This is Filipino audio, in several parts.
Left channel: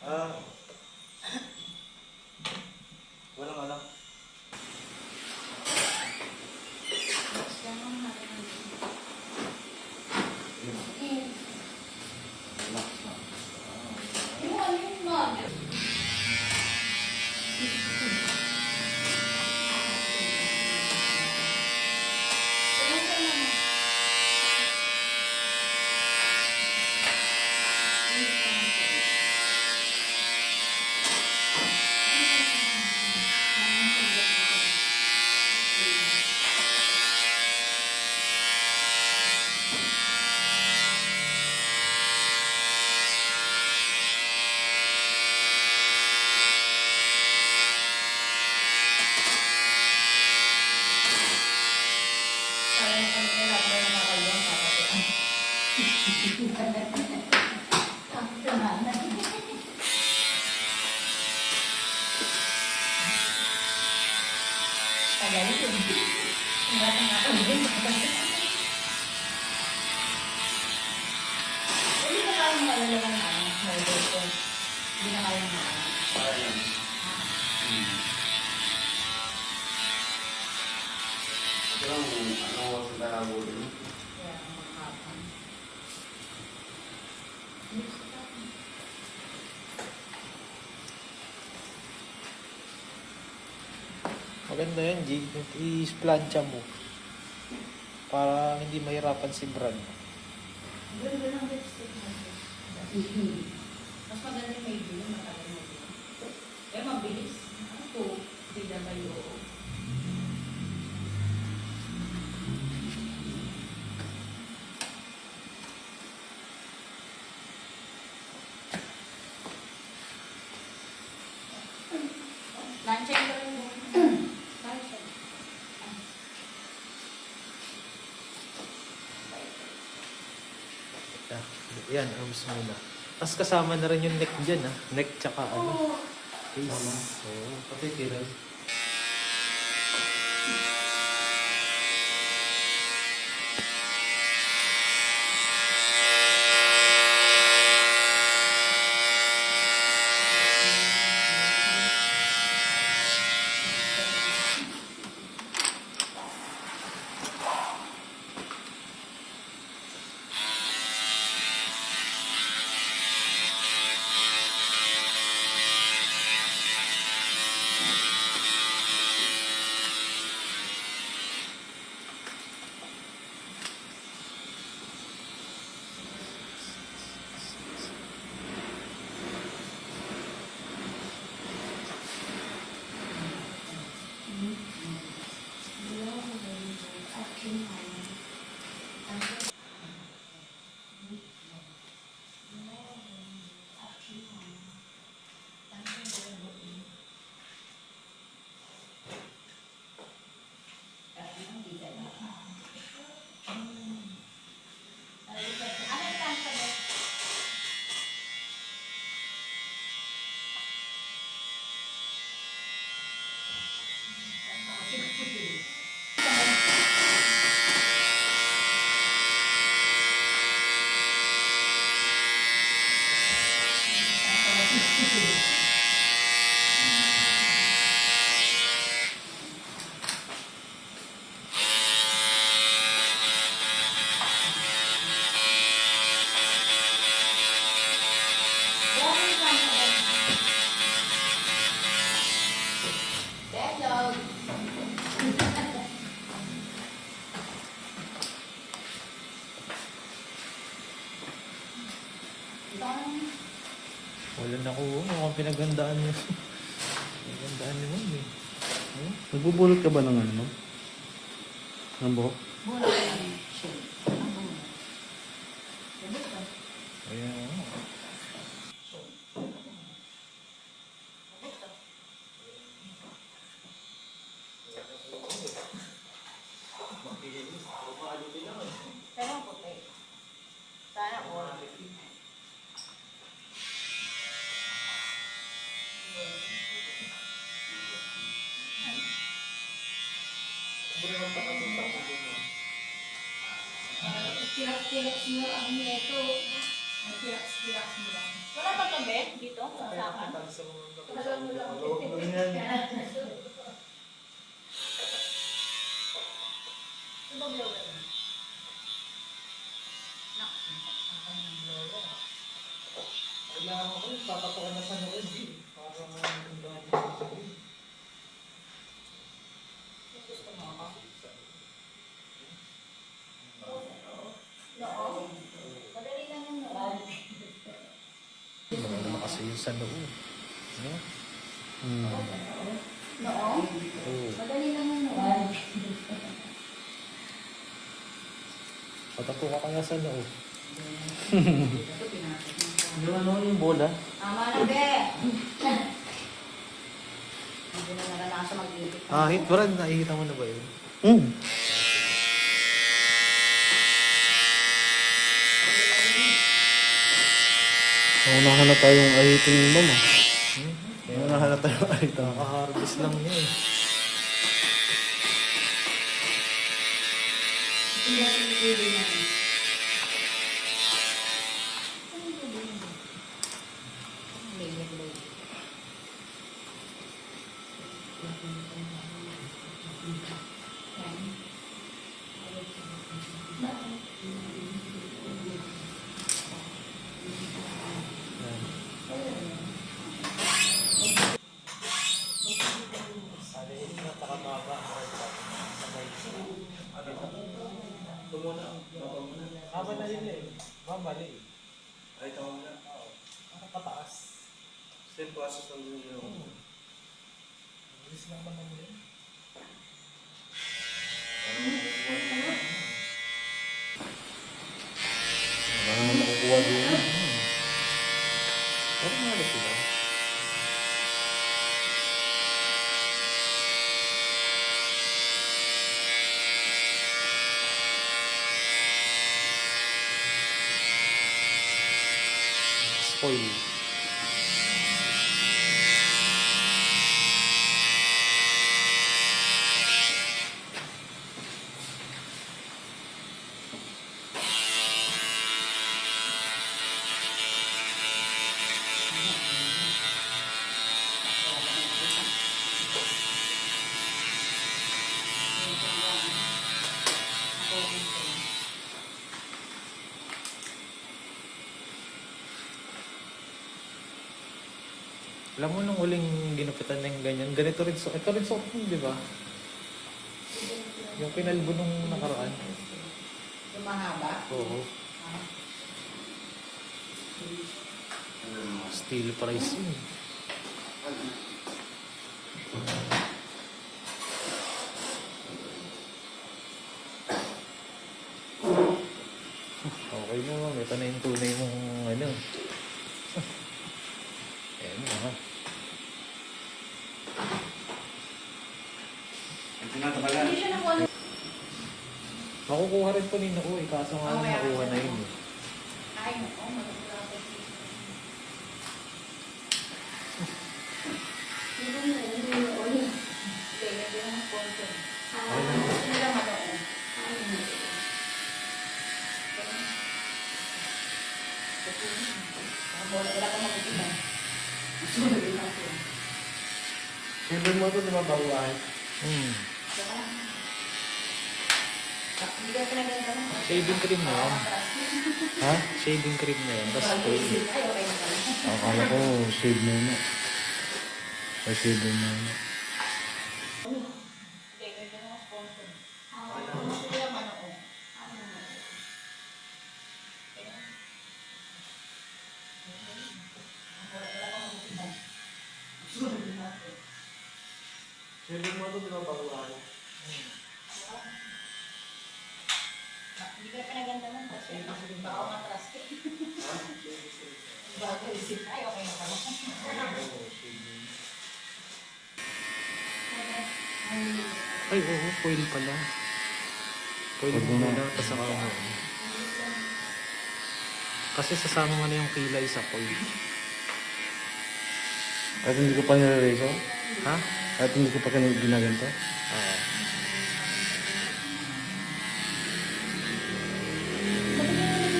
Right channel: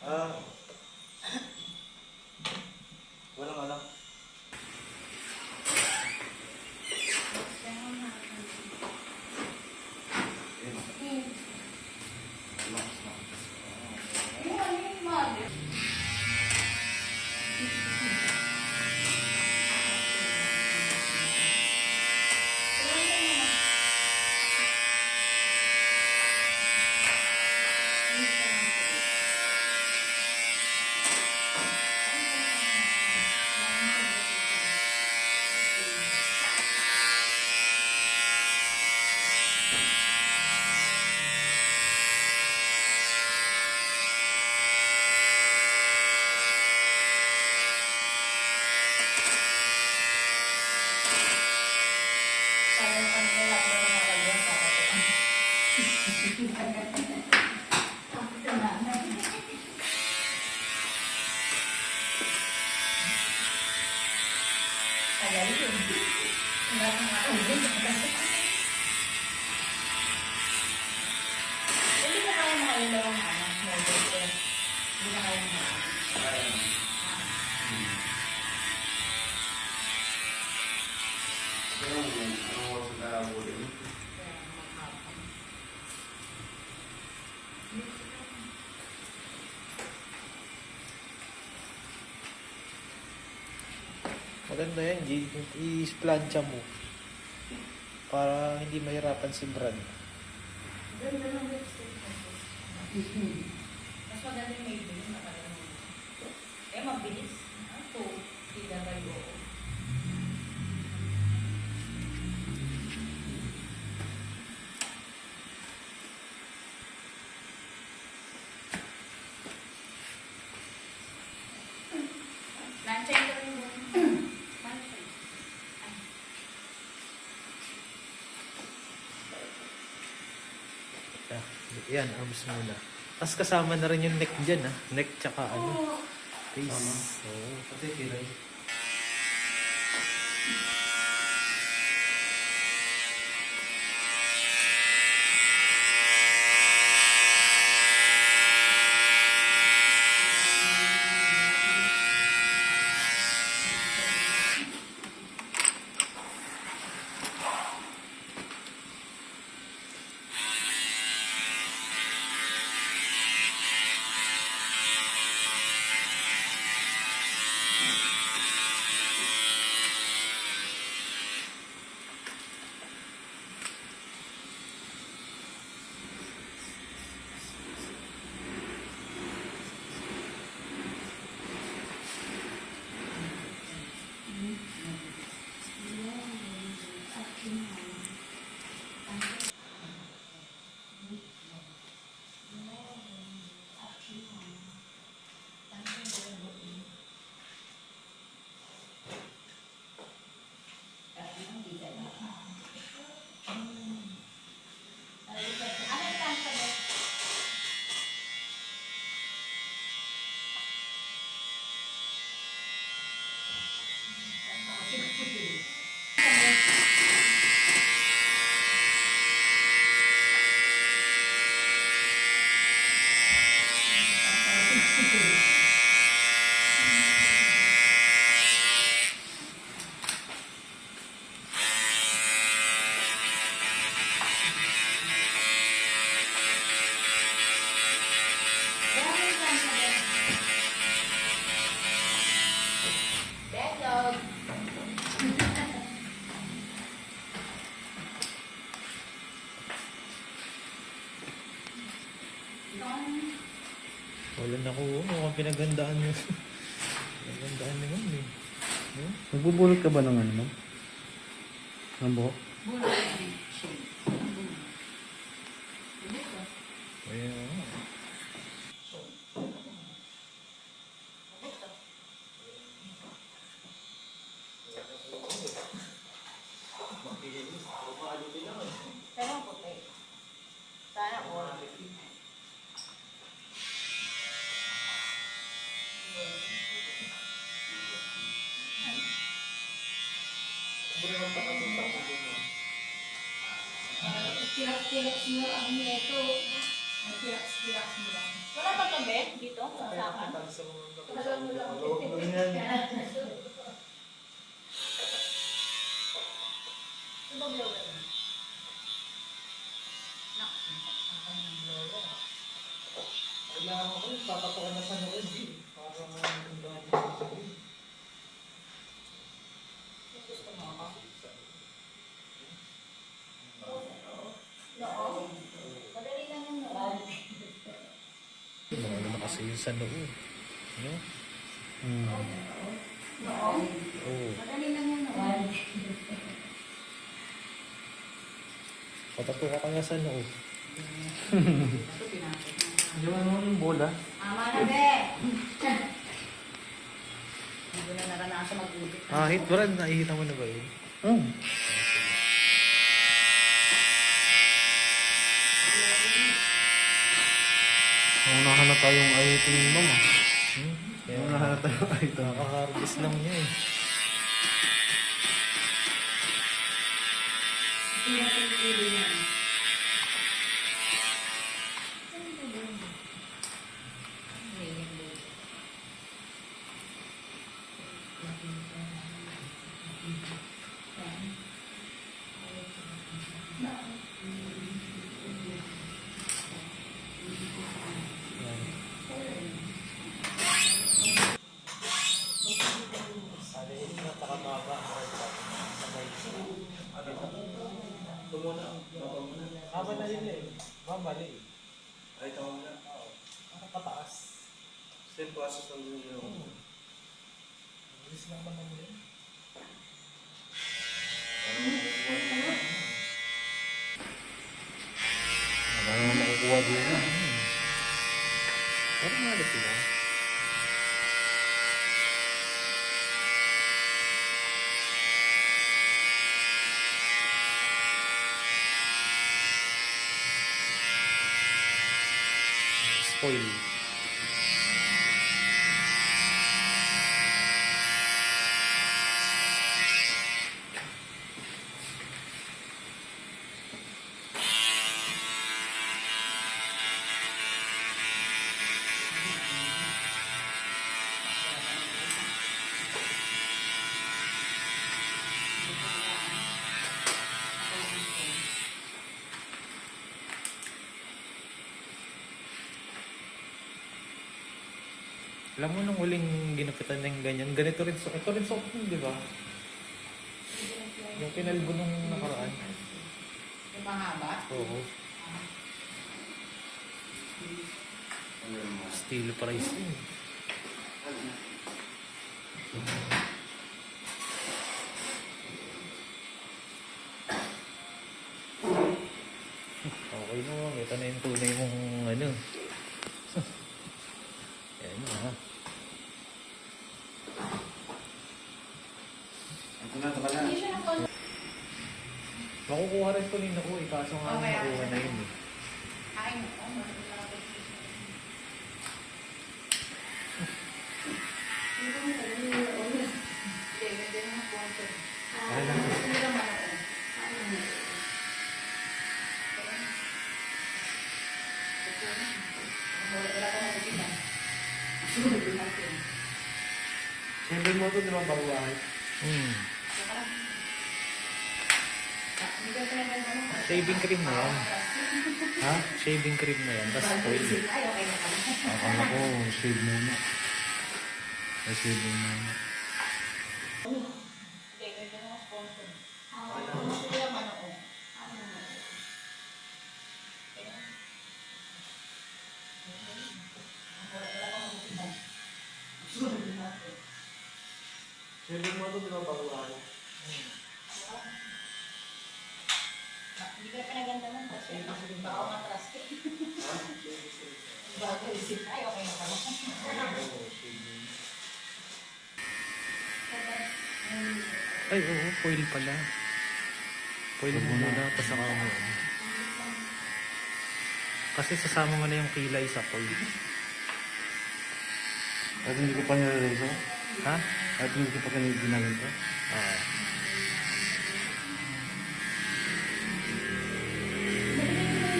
Ah, walang alam. Maganda yan, G. I-plancha mo. Para hindi mahirapan si Brad. Ganda ng lipstick mo. Mas maganda yung may blue na kaya mo. Eh, mabilis. Ito, bida ba yun? Lanchay ka rin mo. Lanchay. Yan, arms muna. Tapos kasama na rin yung neck dyan, ha? Neck tsaka ano. Face. So, Pati kira. wala na ko. Mukhang pinaghandaan niyo. Pinaghandaan niyo mo, eh. Hmm? Nagbubulot ka ba ng ano, ma'am? Ng buhok? Muna yung shade. Ayan. Pero puti. Sana all. Tiyak-tiyak siya ang neto. Relax mo lang. Wala ba ito, Ben? Dito? Sa usapan? Ito ba blower? Nak, saksakan ng blower. Kailangan ko rin, papatukan na sa nood eh. Para maraming dito. Gusto mo ako? Noo? Madali lang yung noo. Maganda na kasi yung sa nood. No? Noo? Oo. Madali lang yung noo. Patatuka ka nga sa nood. Di ba naman yung bola? Ama na, be! Hindi na naranasan mag-ibig. Hit Brad, nakikita mo na ba yun? Nahanap tayong ahitin nila na. Kaya Nahanap tayong ahitin. nakaka-harvest lang niya eh. Hindi na pinipili na. Salihin na, pakababa. Haba na yun eh. Mabali. Ay, tawag na. Para pataas. Same process lang din yung Bilis lang naman yun. Wala naman makukuha doon. Pero nga sila. Spoil. Alam mo nung huling ginupitan ng ganyan, ganito rin so, ito rin soft di ba? Yung kinalbo nung nakaraan. Yung mahaba? Oo. Steel price yun. Okay mo, ito na yung tunay mong ano. Ayan na ha. Hindi siya nakuha. Makukuha rin pa ni Naku, kaso nga Okay, nakuha okay. na yun eh. Ay, nako. Malapit. Okay lang. Favorite mo ito, di ba, baguahin? Shaving cream na yan. Ha? Shaving cream na yan. Tapos oil. Akala ko, shave mo na. Ay, shave mo na. Shaving mo ito, di ba, baguhan? Hindi ka pinaganda man kasi baka matras ka. Bago isip ay okay na pala. Ay, oo. Foil pala. Foil mo muna. Tapos saka mo. Kasi sasama mo na yung kilay sa foil. At hindi ko pa nire-razor? Ha? At hindi ko pa ginaganto? Oo.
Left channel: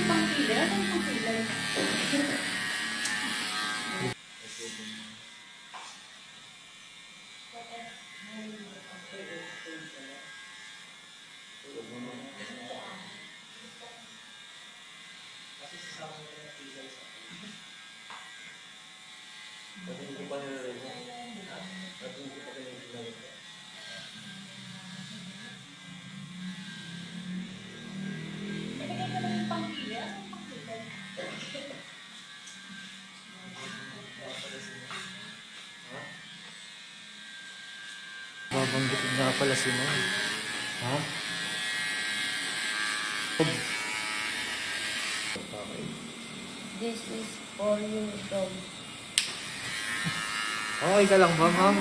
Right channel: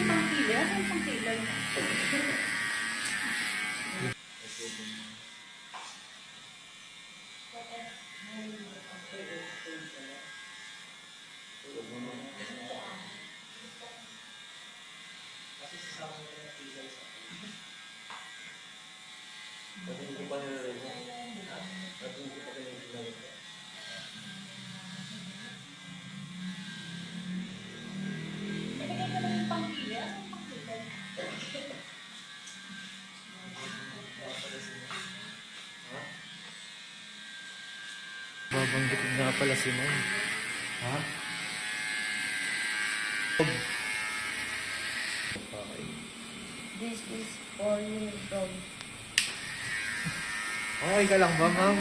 Pang kilay? Ano yung pang kilay? Pati hindi ko pa nilagay mo. Pati hindi ko pa nilagay mo. Nilagay ko lang yung pangkila. Saan pangkila? Ha? Babanggitin nga pala si ma'am. Ha? Okay. This is for your dog. Okay ka lang ba, ma'am?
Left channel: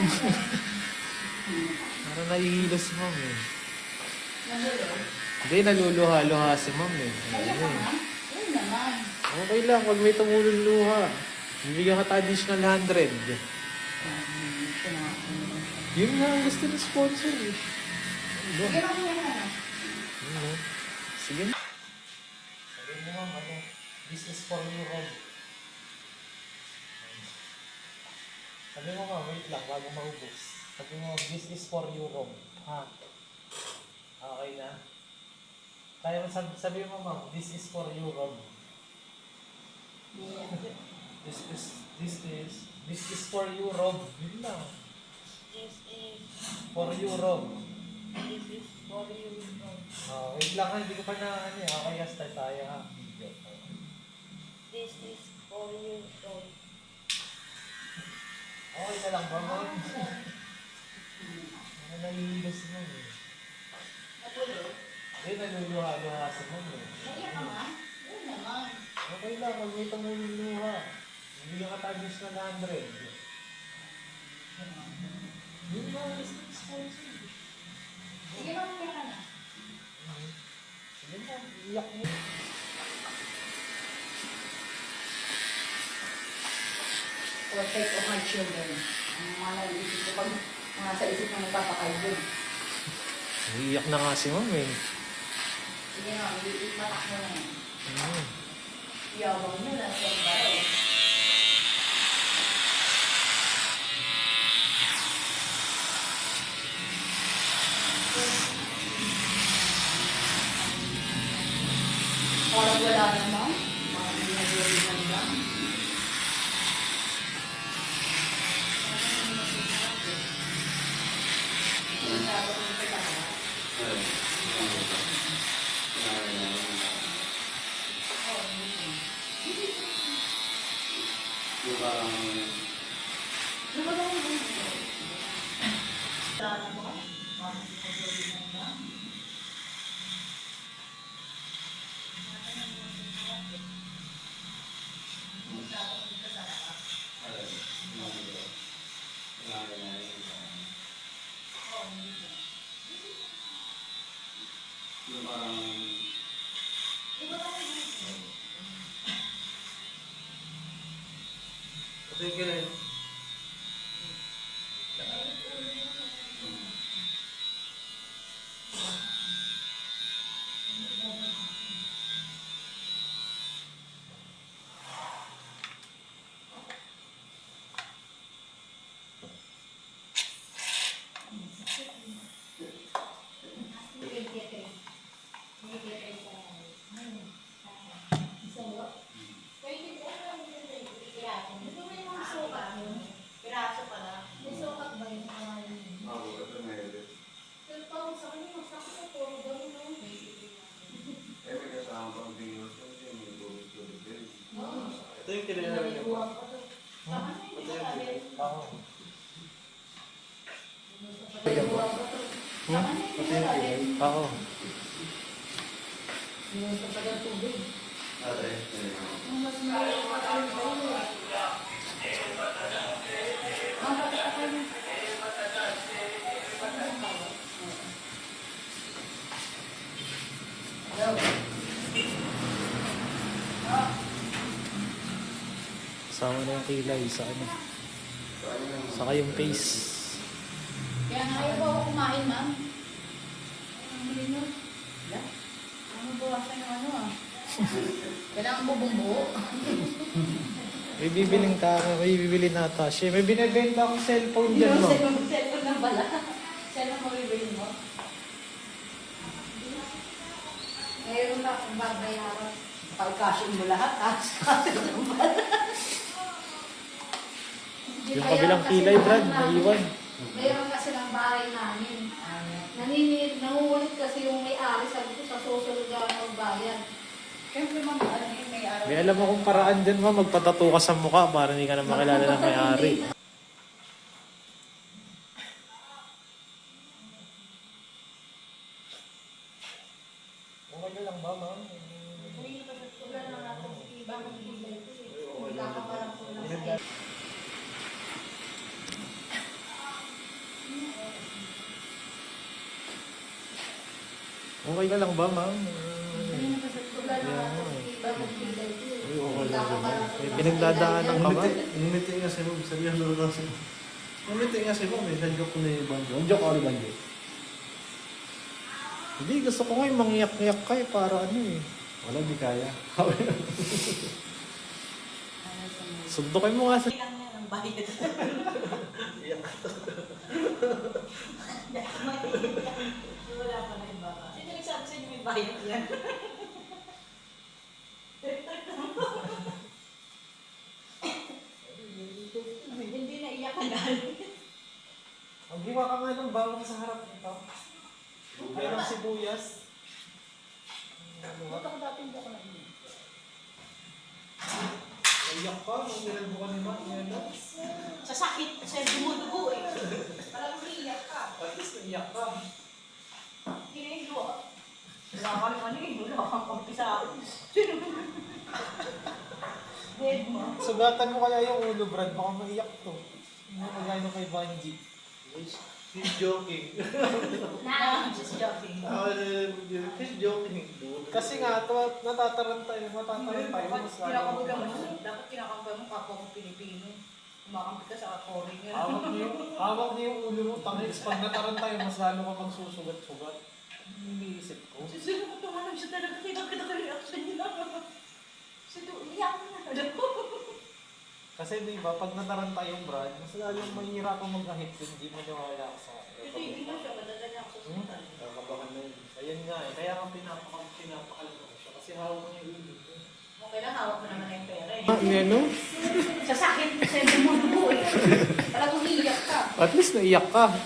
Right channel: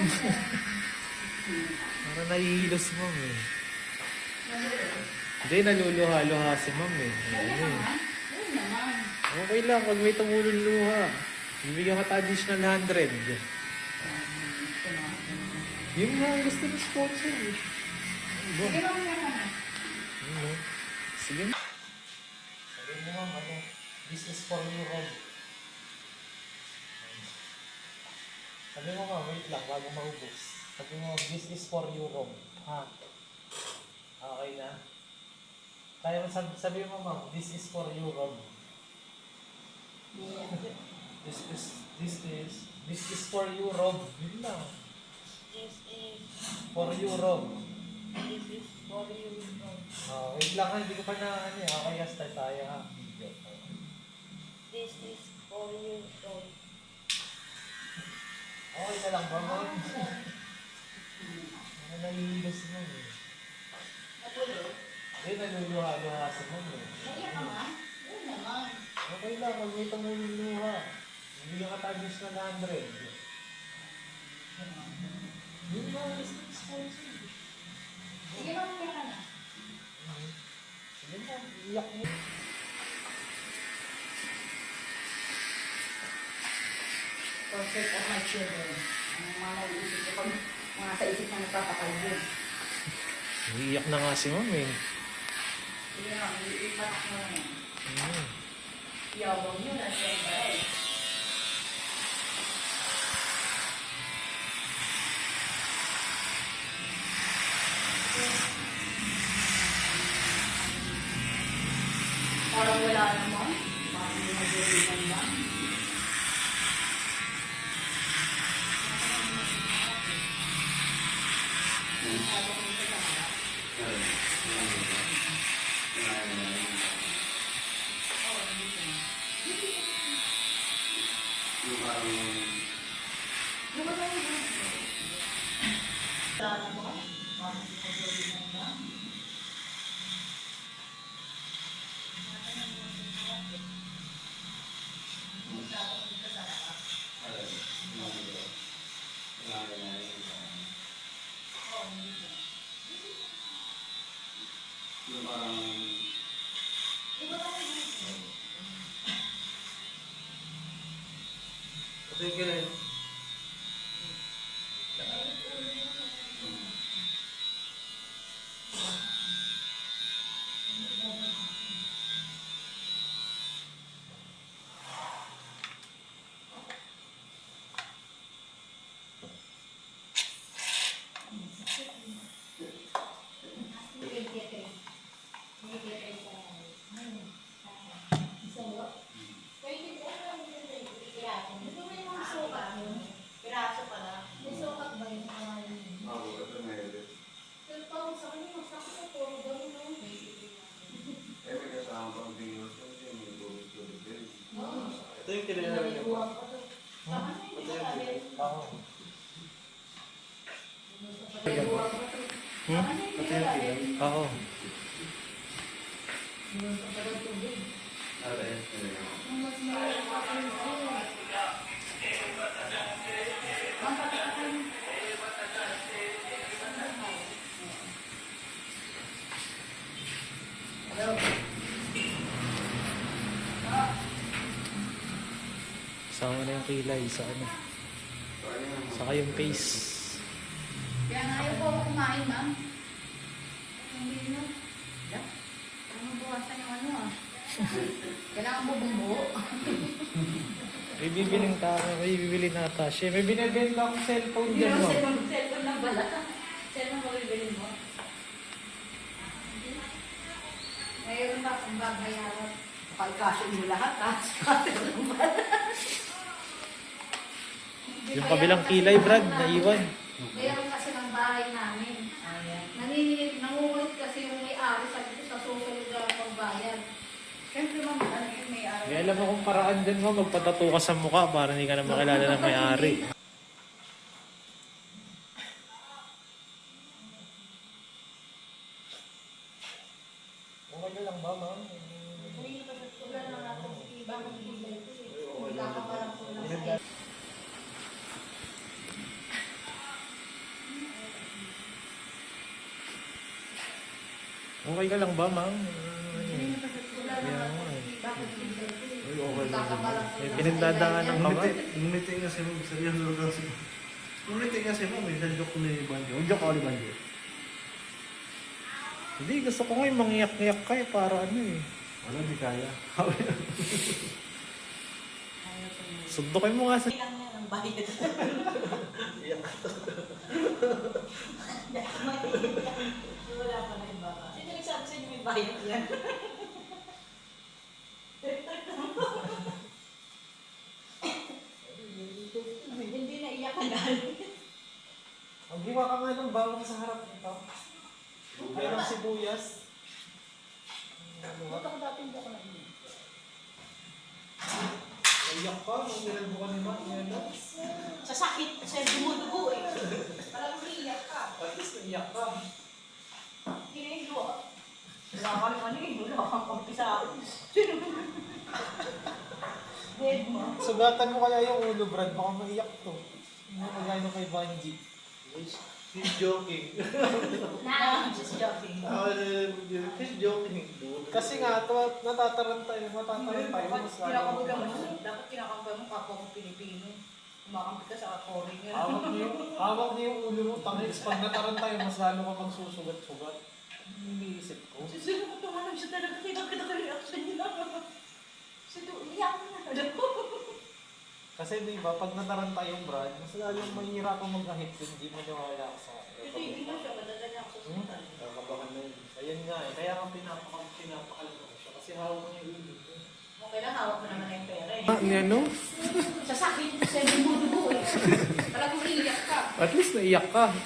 Parang nahihilo si ma'am eh. Hindi, naluluha-luha si ma'am eh. Ayun eh. Yun naman. Okay lang, pag may tumulong luha. Bibigyan ka ta additional 100. Yun nga ang gusto ng sponsor eh. Ano? Sige lang yung ano. Ano? Sige. Sabihin mo ma'am, ano? This is for you, Rob. Sabi mo ma'am, wait lang, bago maubos. Sabi mo, this is for you, Rob. Ha? Okay na? Kaya mo sabi mo ma'am, this is for you, Rob. This is for you, Rob. Yun lang. This is For you, Rob. for your dog. Wait lang ha, hindi ko pa na ano eh. Okay, start tayo ha. Video. This is for your dog. Okay na lang ba, ma'am? Ano nahihilos mo eh. Natulog. Hindi, naluluha-luha sa mo eh. Naiyak ka nga. Yun naman. Okay lang, pag may tumululuha. Bibigyan ka tayo na 100. Yun ba, gusto ng sponsor. Sige lang yung ka na. Sige na, iyak mo. Perfect of my children. Ang mga naiisip ko pag mga sa isip na nagkapakaibig. Iiyak na nga si ma'am eh. Sige lang, ipatak mo na yan. Mm. Iyabang nyo na siya ba eh. Parang wala naman. Parang may nag-iiwan lang. Pati ka rin. Piraso pala. May sukat ba yun? Pero parang sa kanya, masakit na puro gano'n, no? Ito yung kinailangan niya pa. Tama na yung sabi. Oo. Tama na yung sabi. Oo. Yung sa tagal tubig. Yung mas mahirap pa kayo sa'yo. Ang patakakay mo. Hello. Sama na yung kilay sa ano. Saka yung face. Kaya nga ayaw ko ako kumain, ma'am. Hindi mo. Wala. Ang buwasan ng ano ah. Kailangan mo bumbuo. May bibiling tao, may bibili na ata siya. May binibenta akong cellphone dyan, Yung ma'am. cellphone na bala. Cellphone mo bibilin mo. Mayroon ba akong babayaran? Pagkasyon mo lahat, Yung kabilang kilay, Brad, naiwan. Meron kasi ng bahay namin. Nangungulit kasi yung may-ari, sabi ko sa susunod na magbayad. Siyempre ma'am, ano yung may-ari? May alam akong paraan dyan, ma. Magpatato ka sa mukha para hindi ka na makilala ng may-ari. Okay na lang ba, ma'am? Uy, wala na nga ako. Ibang bibay ko eh. Wala ka parang kulang sa Okay ka lang ba, ma'am? May pinagdadaanan ka ba? Ngumiti nga si Ma'am. Seryoso na kasi. Ngumiti nga si Ma'am. Sa joke ko na yung banjo. Ang joke ako ni banjo. Hindi, gusto ko nga yung mangiyak-ngiyak ka eh, para ano eh. Wala, di kaya. Sundukin mo nga sa... Kailangan na ng bayad. Wala pa na yung baka. Sino nagsabi sa inyo may bayad yan? Hindi na iyak ka dahil. Maghiwa ka nga ng bawang sa harap nito. Merong sibuyas. Ito ko dati hindi ako nag-iyak. Iyak ka, nung nilagbo ka ni Ma'am. Yan lang. Sa sakit, sa dumudugo eh. Parang iyak ka. At least naiyak ka. Kinahigo. Wala ka naman eh. Wala kang kampi sa akin. Dead mo. Sugatan mo kaya yung ulo, Brad. Baka maiyak to. Hindi mo kagaya nung kay Banji. She's joking. Na, just joking. She's joking. Kasi nga, natataran tayo. Mas lalo. Dapat kinakampay mo kapwa mo Pilipino. Kumakampi ka sa foreigner. Hawak niyo yung ulo mo. Tangis, pag nataran tayo, mas lalo ka magsusugat-sugat. Iniisip ko. Sino ko tumanong siya talaga. Kita reaction niya. Sino, iyak na. Kasi di ba, pag nataran tayong Brad, mas lalong mahihirapang mag-ahit kung hindi mo niwala ka sa akin. Kasi hindi mo siya madadala ako sa hospital. Kakabahan na yun. Ayun nga eh, kaya nga pinapakal ko siya kasi hawak ko niya yung ulo. Okay lang, hawak mo naman na yung pera eh. Ano? Sa sakit, sa dumudugo eh. Parang umiiyak ka. At least naiyak ka.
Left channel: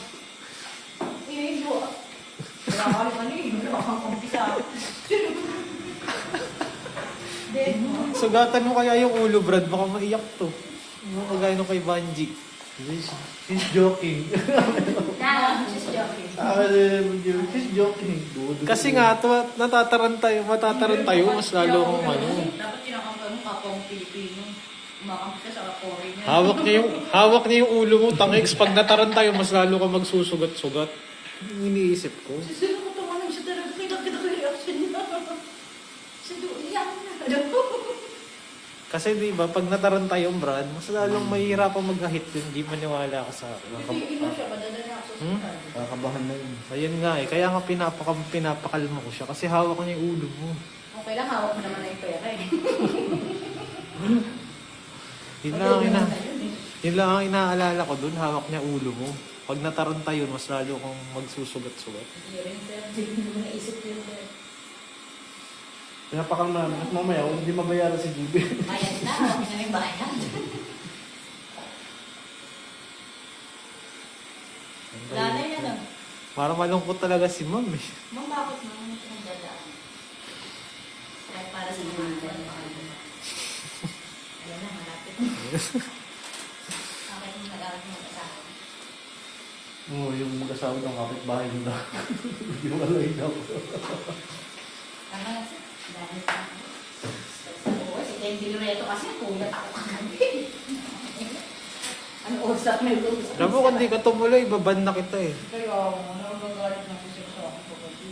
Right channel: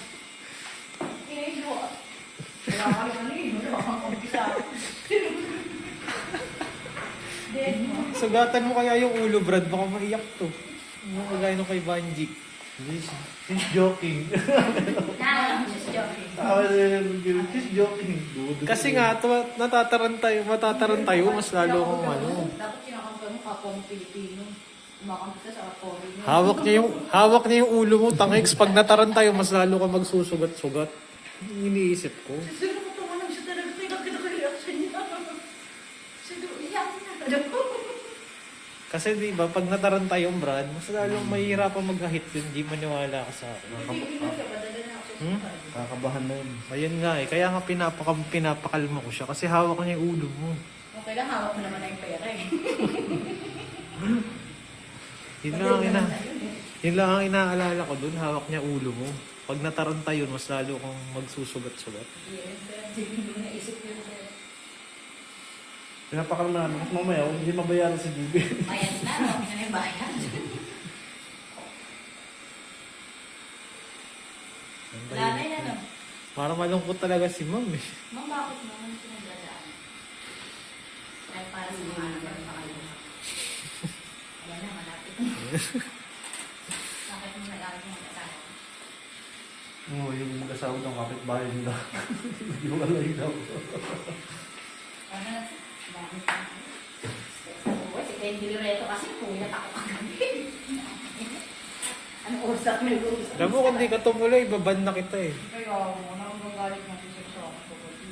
Kinahigo. Wala ka naman eh. Wala kang kampi sa akin. Dead mo. Sugatan mo kaya yung ulo, Brad, baka maiyak to. Hindi mo kagaya nung kay Banji. She's joking. Na, just joking. She's joking. Kasi nga, matataran tayo, mas lalo kong ano. Dapat kinakampay mo kapwa mo Pilipino. Kumakampi ka sa foreigner. Hawak niya yung ulo mo, tangix. Pag nataran tayo, mas lalo ka magsusugat-sugat. Iniisip ko. Sino ko tumanong siya talaga. Kita reaction niya. Sino, iyak na. Kasi di ba, pag nataran tayong Brad, mas lalong mahihirapang mag-ahit yun. Hindi maniwala ka sa akin. Hindi mo siya madadala ako sa hospital. Kakabahan na yun. Ayun nga eh, kaya nga pinapakalma ko siya. Kasi hawak ko niya yung ulo mo. Okay lang, hawak mo naman na yung pera eh. Yun lang ang inaalala ko dun, hawak niya ulo mo. Pag nataranta yun, mas lalo kang magsusugat-sugat. Hindi rin, sir. Hindi mo naisip yun, sir. Pinapakal na. At mamaya, hindi mabayaran si Bibi. Bayad na, okay na yung bayad. Nanay na no? Parang malungkot talaga si Ma'am eh. Ma'am, bakit naman ito ang dadaan? Kaya para sa mga nanay, makaluma. Ayan na, malapit. Bakit mo nag-awit mo mag-asawa? Oo, yung mag-asawa ng kapitbahay nila. Yung alay daw. Ano na siya? Dahil sa oo, si Kenji Loreto kasi pugat ako kagabi. Ano usap mo yung usap? Alam mo, kung di ka tumuloy, baban na kita eh. Kaya mo, nagagalit ng kusip sa akin kagabi.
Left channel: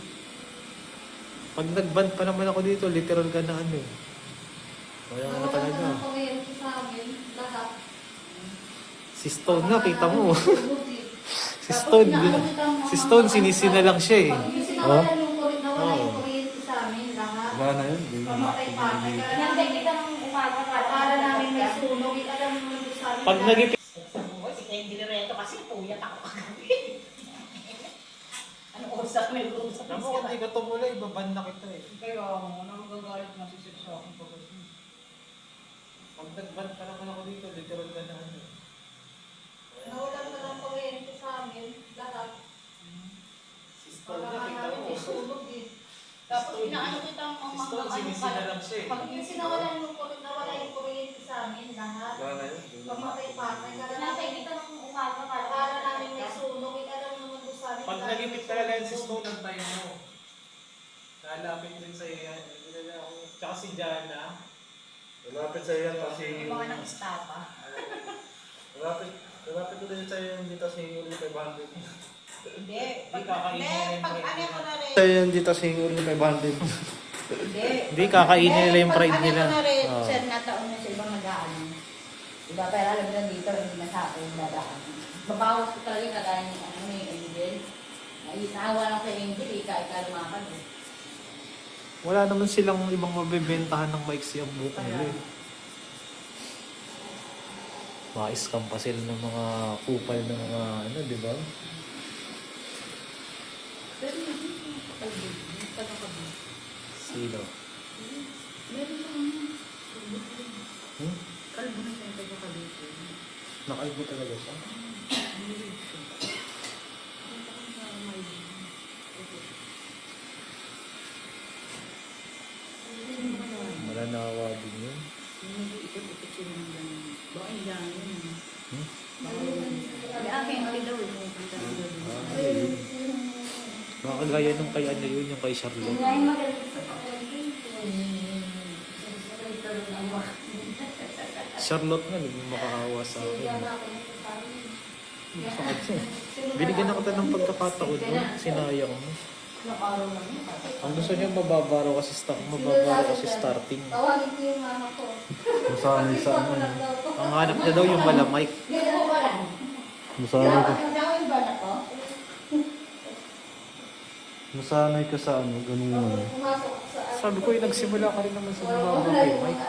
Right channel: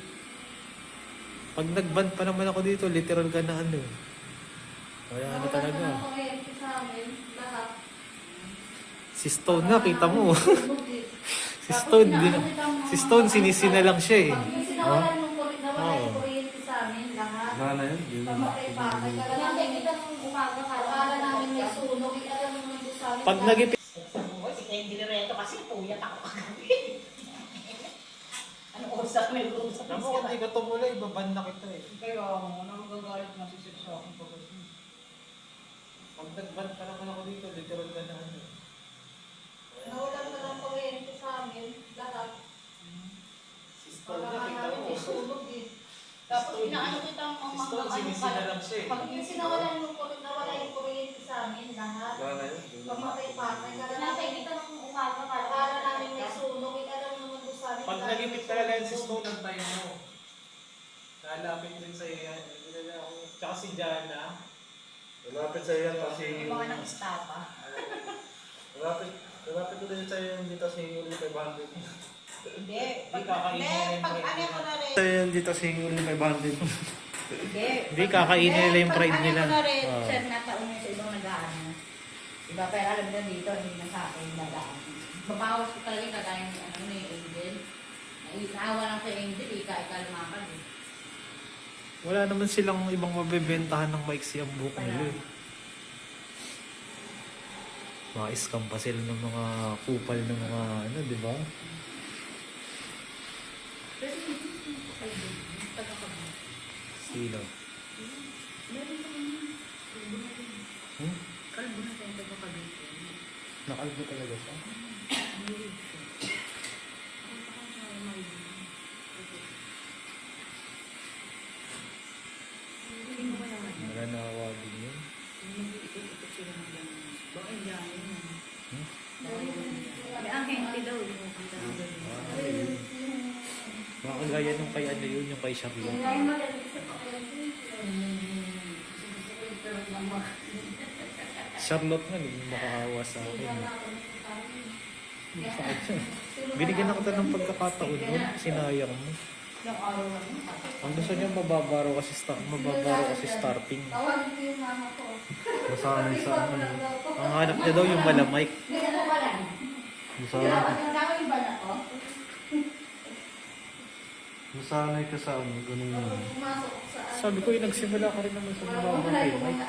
Pag nag-ban pa naman ako dito, literal ka na ano eh. Kaya ano talaga. Ang kuryente sa amin, lahat. Si Stone na, kita mo. Buti. Si Stone, si Stone sinisina lang siya eh. Pag may Oh. sinawala yung kuryente sa amin, lahat. Wala na yun. Pamatay-patay. Kaya kita ng umaga, akala namin may sunog. Alam mo doon sa amin. Pag nagipit, Sa buhay, si Kenji Loreto kasi puyat ako kagabi. Ano usap may usap. Alam mo, kung di ka tumulay, baban na kita eh. Kaya ako, nagagalit na si Sir sa akin pag Pag nagban pa naman ako dito, literal ka na ano. Nawalan na ng kuryente sa amin. Lahat. Si Stone niya, Para kita namin mo. may sunog eh. Tapos inaano kita ang Si Stone, sinisina lang siya eh. Pag sinawalan yung kuryente, nawala yung kuryente sa amin, lahat. Wala na yun. Pamatay-patay. Nasay kita ng umaga para Para namin may sunog. Alam mo naman doon sa amin. Pag nagipit talaga yan si Stone, ang tayo mo. Lalapit din sa'yo yan. Hindi na ako. Tsaka si Jana. Malapit sa'yo yan kasi... yung mga nang estapa. Malapit ko din sa'yo yung dito sa yung 500. Hindi. Hindi kakainin nila yung Pag pride ano ko nila. na rin. Kaya yan dito sa hingul ng 500. Hindi. Hindi, kakainin nila yung pride Pag nila. ano ko na rin, Ah. sir, nataon na sa ibang nag-aanan. Diba? Pero alam na dito, hindi na sa akin nag-aanan. Babawas ko talaga yung kagaya ng ano yung Angel. Naawa lang sa Angel, ika lumakad eh. Wala naman silang ibang mabibentahan ng maiksi ang buhok nila. Ma-scam pa sila ng mga kupal ng mga ano, di ba? Pero hindi ko pagkakabi. Sino? Meron lang. Hmm? Kalbo na tayo pagkakabi. Nakalbo talaga siya. Malanawa din yun. Ikot-ikot sila ng ganun. Doon yung ganun. Hmm? Ang hengli daw. Mga kagaya nung kay ano yun, yung kay Charlotte. Charlotte nga, naging makaawa sa akin. Sakit siya. Binigyan na kita ng pagkakataon doon, sinayang mo. Yung araw lang mo. Ang gusto niya mababaro kasi starting. Tawagin ko yung mama ko. Masabi sa ano. Ang hanap niya daw yung malamay. Hindi ko ba lang? Masabi ko. Nawin ba na to? Masanay ka sa ano, ganun. Pumasok sa Sabi ko, yung nagsimula ka rin naman sa mababa kay Mike.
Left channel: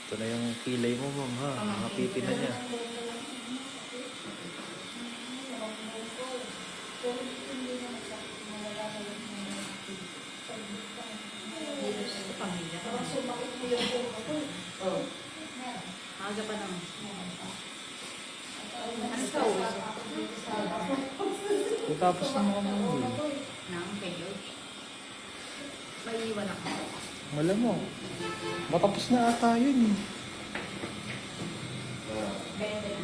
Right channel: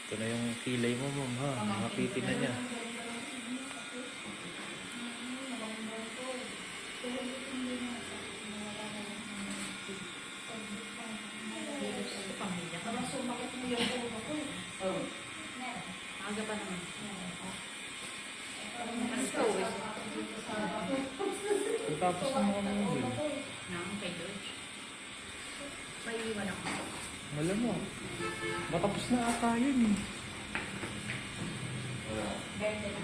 Ito na yung kilay mo, ma'am, ha? Nakapitin na niya. Aga pa naman. Kung tapos na mga movie, Nang pwede. May iwan ako. malamang. Matapos na ata yun eh. Bente na.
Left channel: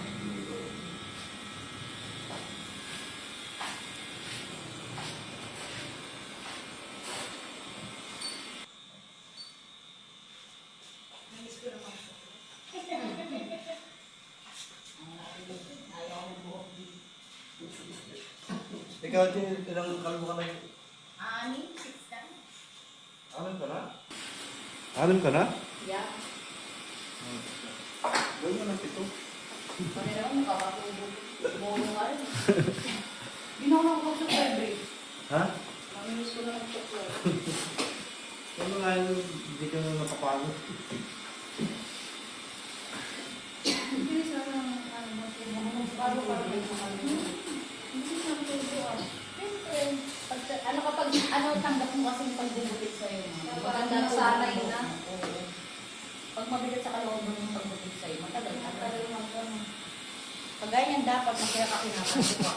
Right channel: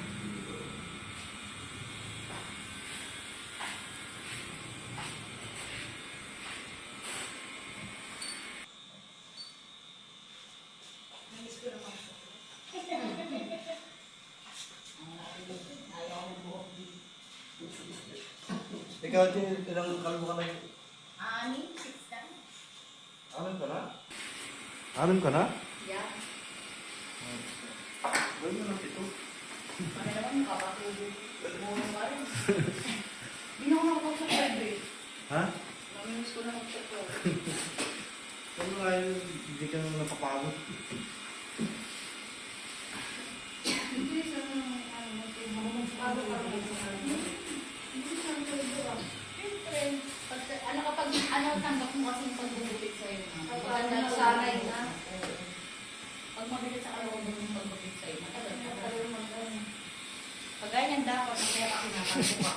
Ikaw, Jin, ilang kalbo ka na yun? Ani, 6 ka. Alam ka na? Alam ka na? Yeah. Gawin mo ng 7. Ano naman, kapatubog. Bono ka rin. Ginawa ko sa February. Ha? Mamimiss ko na mag-chocolate. Ano nga yun, hindi ka na napapagod. Bilis na ng bago pa rin sa kanila. Ano kapag ano tanggap mo kasi yung pagbubutit sa'yo na. Maganda masanay na. Pag mabigat sa kalooban yung pagbutit sa'yo, matagal. Pag ganyan dapat masaya ka pinapansin ko.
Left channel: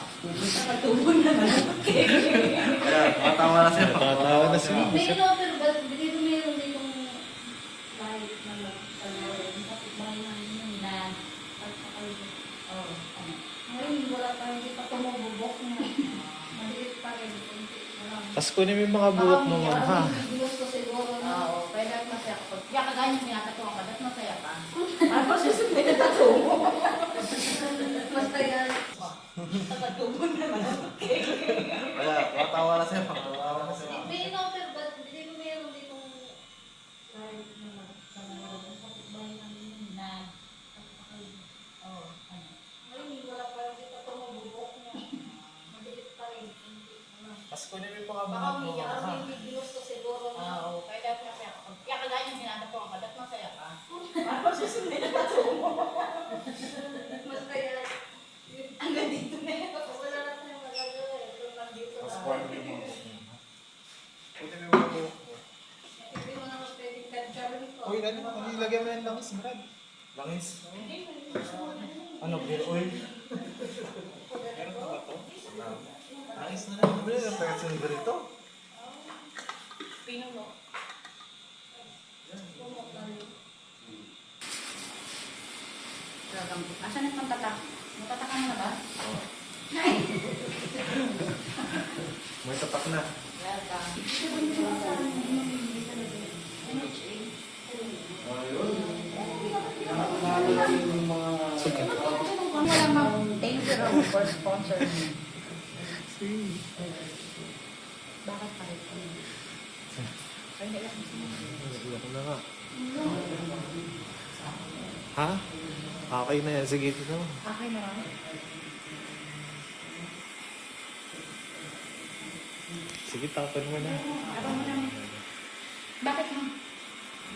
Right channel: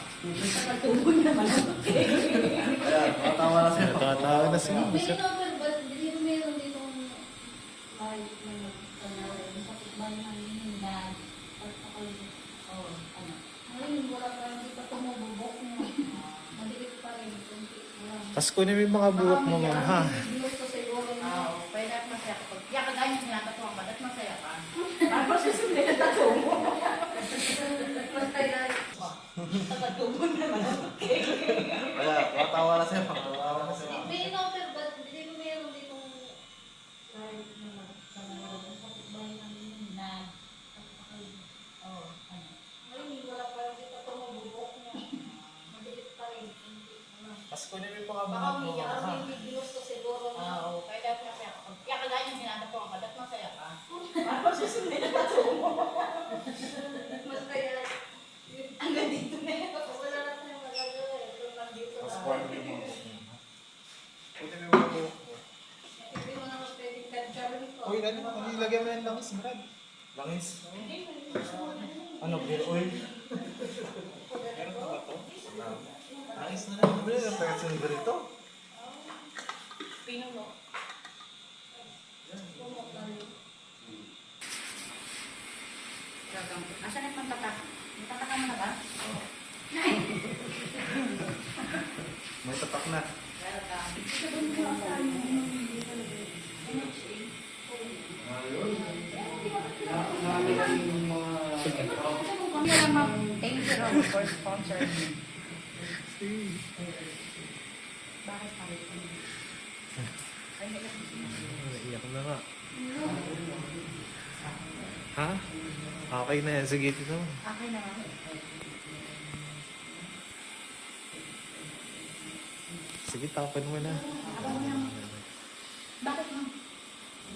Pagtuloy naman. Wala, matawa na siya. Natatawa na siya. May in-offer ba? Hindi mo meron ditong kahit na kapitbahay namin na pagpakalibot. Oo, ano? Ngayon, wala pa, hindi pa tumububok niya. Maliit pa rin. Tapos kunin mo yung mga buhok mo, ma'am, ha? Gusto siguro na. Oo, pwede at masaya ka. Kaya kagaya yung tinatatuwa ka, ba't masaya ka? Ano susunod na tatuwa? Basta yan. Tatuwa naman. Wala, matawa na siya. Matawa na siya. May in-offer ba? Hindi mo meron ditong kahit na kapitbahay namin Na, pagpakalibot. oo, ano? Ngayon, wala pa, hindi pa tumububok niya. Maliit pa rin. Hindi naman. Tapos kunin mo yung mga Baka buhok mo, may ma'am, ha? may gusto siguro na. Oo, pwede at masaya ka. Kaya kagaya yung tinatatuwa ka, ba't masaya ka? Ano susunod na tatuwa? Basta yan. Hanggang dito na yan. Wala na tayong magagawa. Ito lang dito. Tapos kuha mo yung mga Buti may mga buhok mo. Hindi mo naman pwedeng kadyarin ko. Uy, ano ilagay mo yan langis, Brad? Langis? Hindi, hindi. Ano, beer oil? Meron pa ba to? Langis na lang. Ano yung pwede silver ito? Pinuno. Asan yung pantatak? Yung pantatak mo na ba? May tapak na. Thank you Ron, for sponsoring me. Bakit pa rin? Iyak na nga. Ha? Okay na yan. Sige, ito naman. Okay naman. Sige, tapon mo na. Abang mo naman. Bakit mo?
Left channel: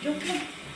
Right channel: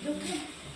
Joke lang.